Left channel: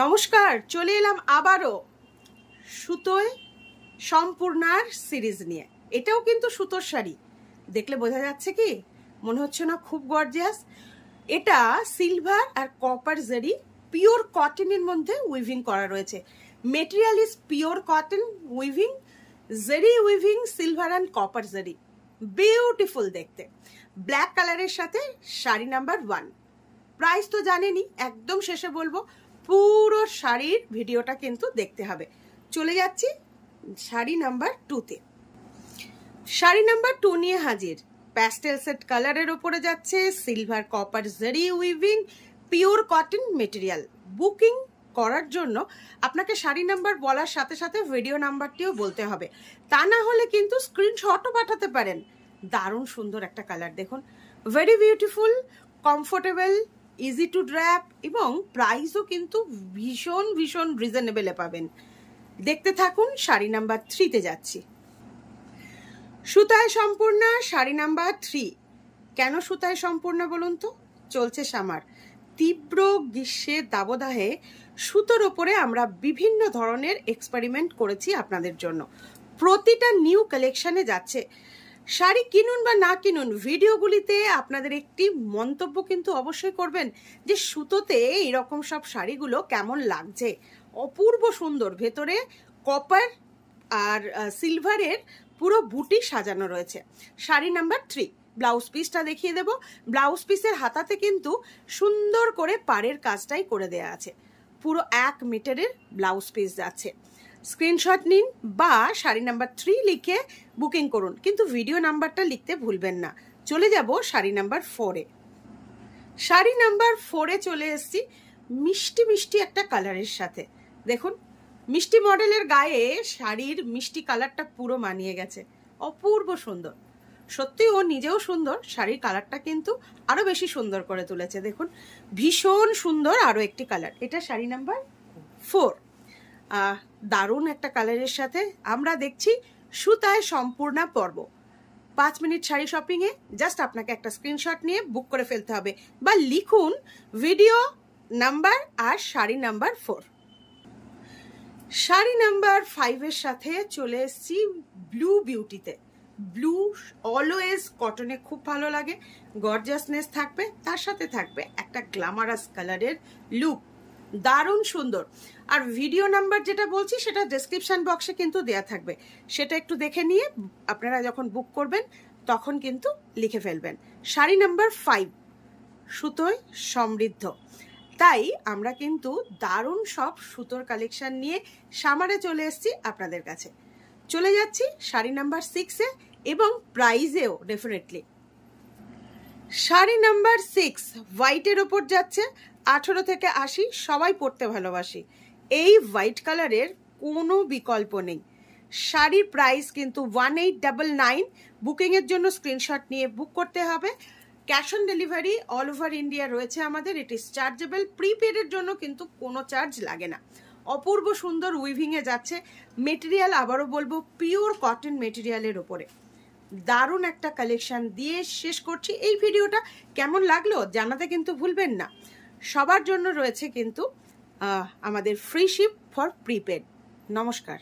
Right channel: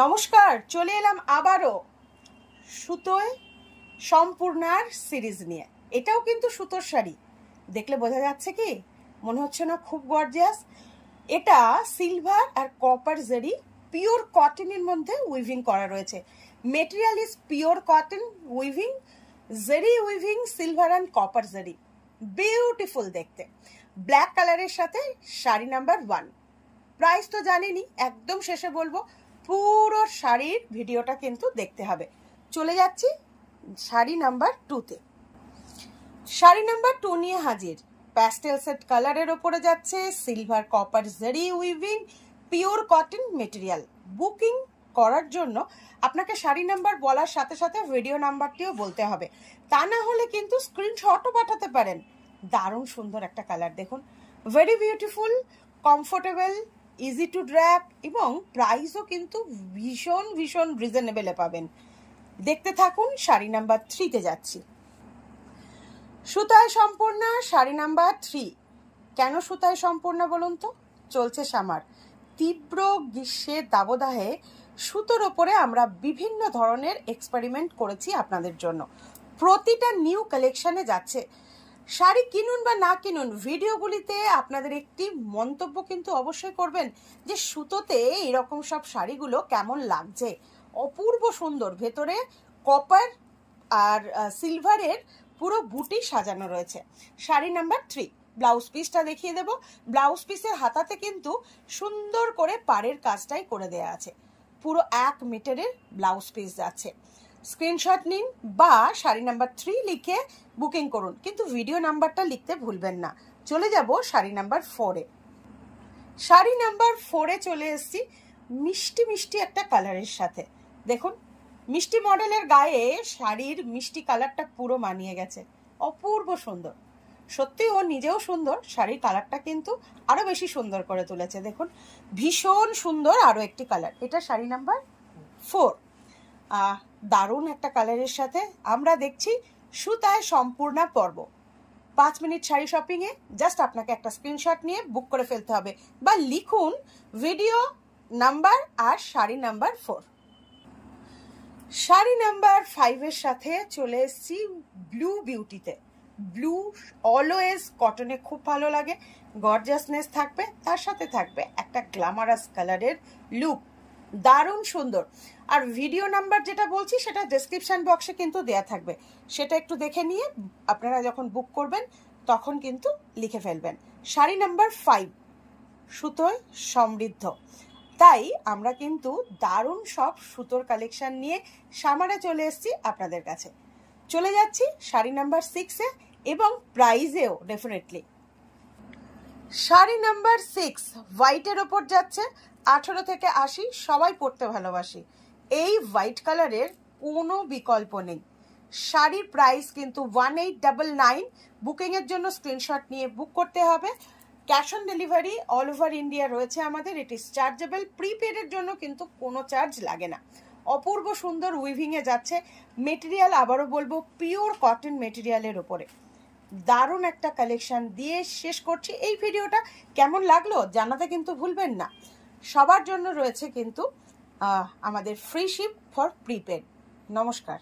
নমস্কার, চলে এলাম আবারও সুতোয় সম্পূর্ণার সিরিজ নিয়ে। এটাও কিন্তু সুতোর শাড়ি, দেখলে বোঝা যাচ্ছে কি? মনে হচ্ছে না খুব গর্জিয়াস? এটা সিলভার আর কপার জারি পিওর কটনের মধ্যে উইভিং করা রয়েছে। Material is pure cotton weaving, জারি উইভিং, সিলভার অ্যান্ড কপার জারি, বিউটিফুল দেখতে। ব্ল্যাক কালারের সাথে শাড়ি নাম্বার 1। প্রাইস তো জানেনি, একদম শেষে বলবো। পুরো শাড়ির ভিডিওটা কিন্তু দেখতে হবে। চলে যাচ্ছি শাড়ি নাম্বার 2-তে। শাড়ি নাম্বার 2 নিয়ে হাজির। প্যাস্টেল সেট কালারের ওপরে যাচ্ছে, সিলভার কপার জারি weaving, pure cotton material. Booking করার জন্য আপনাকে শাড়ি নাম্বার বলার সাথে সাথে ভিডিও নাম্বারটিও বলতে হবে, তা না হলে কিন্তু স্ক্রিনশটও পাঠাতে পারেন। দারুণ সুন্দর একটা কালার দেখুন, very beautiful, comfortable, easy to draft এবং প্রাইসও কিন্তু ভীষণ ভীষণ রিজনেবলে পাবেন। দেখতে থাকুন। শাড়ি নাম্বার 3-তে যাচ্ছি। সুতায় সম্পূর্ণা শাড়ি নাম্বার 3। কেন সুতায় সম্পূর্ণা বলুন তো? চলছে সামার। তীব্র গ্রীষ্মের দাবদাহে সুতোর ওপরে আমরা বিভিন্ন ধরনের এক্সপেরিমেন্ট করেছি আপনাদের জন্য। প্রতিটা নিউ কালেকশনে যাচ্ছে। শাড়ি কিনুন বা না কিনুন, ভিডিওগুলিতে আপনাদের একটি মন্তব্য কিন্তু অবশ্যই করবেন যে সুতোতে এরকম সব শাড়িগুলো কেমন লাগছে। অপূর্ব সুন্দর, ভেতরে কপার আর সিলভারের পুরো বুটি সাজানো রয়েছে। শাড়ি নাম্বার 3। ব্লাউজ পিসটা দেখিয়ে দেব। ব্লাউজ পিসের হাতাতে কিন্তু সুন্দর করে পাড়ের কাজটাই করে দেয়া আছে। পুরো 1 মিটারের ব্লাউজ পিস যাচ্ছে। স্ক্রিনশট নিন বা শাড়ি নাম্বার 3 লিখে বুকিং করুন, কিন্তু ভিডিও নাম্বারটা লিখতে ভুলবেন না। চলে যাব শাড়ি নাম্বার 4-এ। শাড়ি নাম্বার 4-এ চলে এসেছি মিষ্টি মিষ্টি একটা কালারের সাথে। দেখুন, মিষ্টি মডেলের গায়ে শাড়ির মিষ্টি কালারটা পুরো মানিয়ে গেছে। অপূর্ব সুন্দর, সত্যি ও নিজেও সুন্দর, শাড়ির কালারটা কিন্তু আরো বেশি সুন্দর করে তুলেছে। দেখুন, ভীষণ সুন্দর আরো একটি কালার। এটা শাড়ি নাম্বার 4। দারুণ একটা কালারের সাথে আমরা দেখছি সুতায় সম্পূর্ণা পর্ব। 5 মিনিট শাড়ি শপিং এ জাস্ট আপনাকে একটা স্ক্রিনশট নিয়ে বুক করে ফেলতে হবে বা লিখুন ভিডিও নাম্বার আর শাড়ি নাম্বার 4। শাড়ি নাম্বার 5-এর সাথে চলে এসেছি ব্লু বিউটিতে। ব্লু অলওয়েজ কটনে খুব ভালো লাগে, গর্জিয়াসনেস থাকবে, তার সাথে থাকবে একটা গ্ল্যামারাস কালারের লুক। দারুণ সুন্দর। আর ভিডিও নাম্বার যেটা বলছি সেটা ডেসক্রিপশন বক্সে কিন্তু দেয়া থাকবে, সেটা একটু দেখে নিয়ে আপনারা যখন বুক করবেন তখন কিন্তু লিখে ফেলবেন। শাড়ি নাম্বার 5 সুতোয় সমৃদ্ধ। তাই আমরা কিন্তু দারুণ সব সুতোর কালেকশন নিয়ে সামারে চলে এসেছি আপনাদের কাছে। চলে যাচ্ছি শাড়ি নাম্বার 6-এ এবং প্রাইজেও ডেফিনেটলি। শাড়ি নাম্বার 6 হোয়াইটের ওপর যাচ্ছে। 18 থেকে 80 সবাই পরতে ভালোবাসি। এই হোয়াইট কালারের কোনো বিকল্প নেই। শাড়ির প্রাইস কিন্তু 1899। বুকিং এর জন্য স্ক্রিনশট নিয়ে বুক করতে হবে। Cash on delivery all over India রয়েছে আমাদের। It is chargeable. প্রিপেডের জন্য কিন্তু কোনো চার্জ লাগে না। অপূর্ব সুন্দর উইভিং এ যাচ্ছে। মেটেরিয়াল আবারও বলবো পিওর কটন মেটেরিয়ালের ওপরে। দারুণ একটা কালেকশন দিয়ে শেষ করছি এই ভিডিওটা। কেমন লাগলো জানাতে কিন্তু ভুলবেন না। সবার জন্য রয়েছে কিন্তু আমাদের ফ্রি শিপ ফর প্রিপেড। নমস্কার।